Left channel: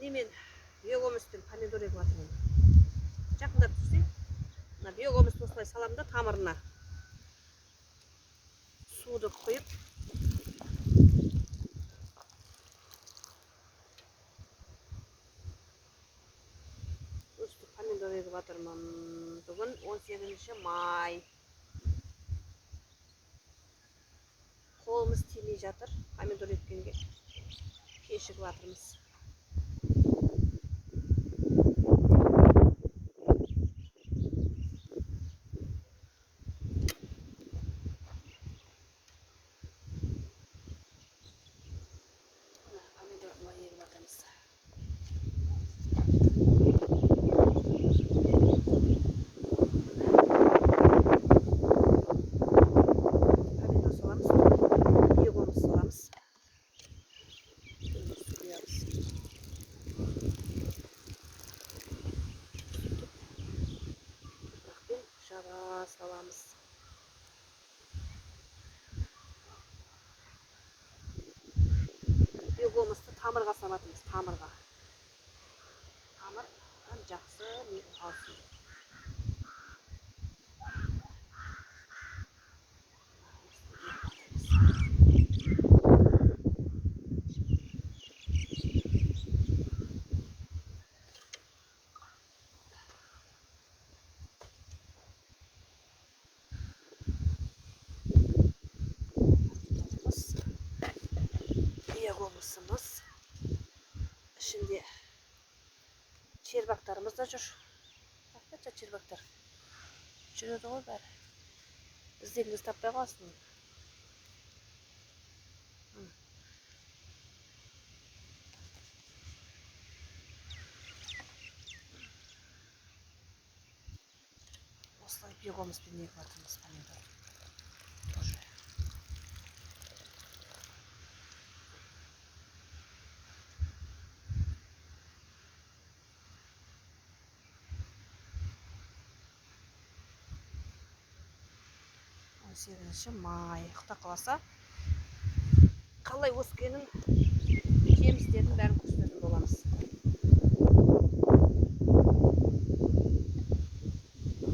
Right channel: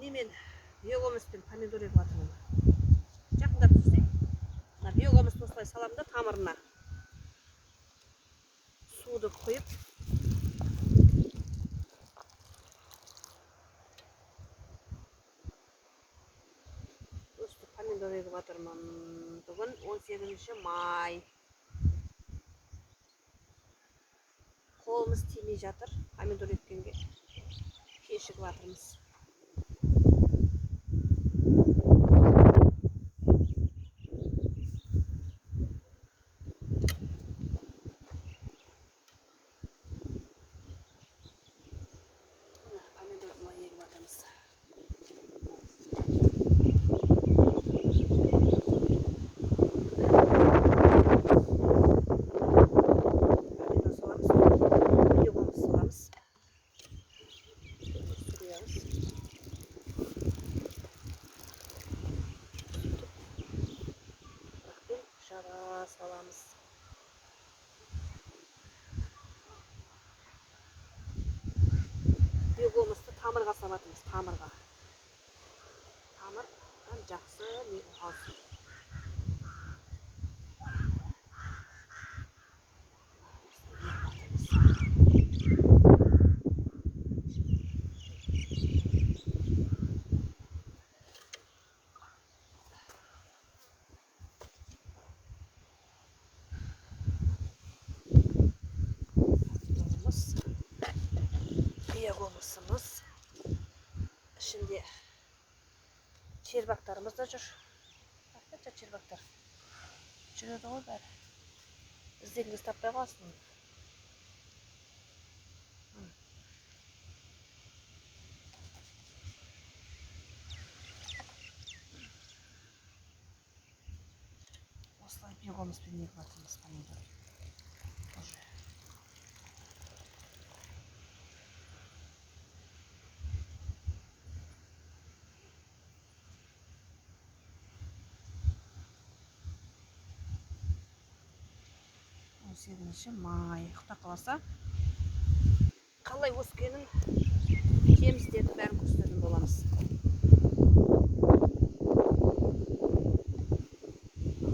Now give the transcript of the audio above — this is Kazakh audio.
немен биогумуспен помидор егіп жатырмын. Жақындап тұрсай. Мына биогумусты осылай саламын да тамырына. Суды құйып. Өстіп помидор егіп жатырмын. Бүгін 18 май. Қолымыз тимей жатыр. Помидор еккенге кешігіп жатырмыз. Salamız. Biogumусты тамырға салатымыз, тамырға. Тамырдан жақсы не алсын. Biogumусымыз ішінде чербактарымыз да жүр. Қанша чербактар жүреді ғой бәрі. Іздегіңіз таппай қалсын. Осылай биогумуспен егіп жатырмыз помидор. Май. Құда қаласа қалай өскенін, жемістерін бәрін көрсететін боламыз.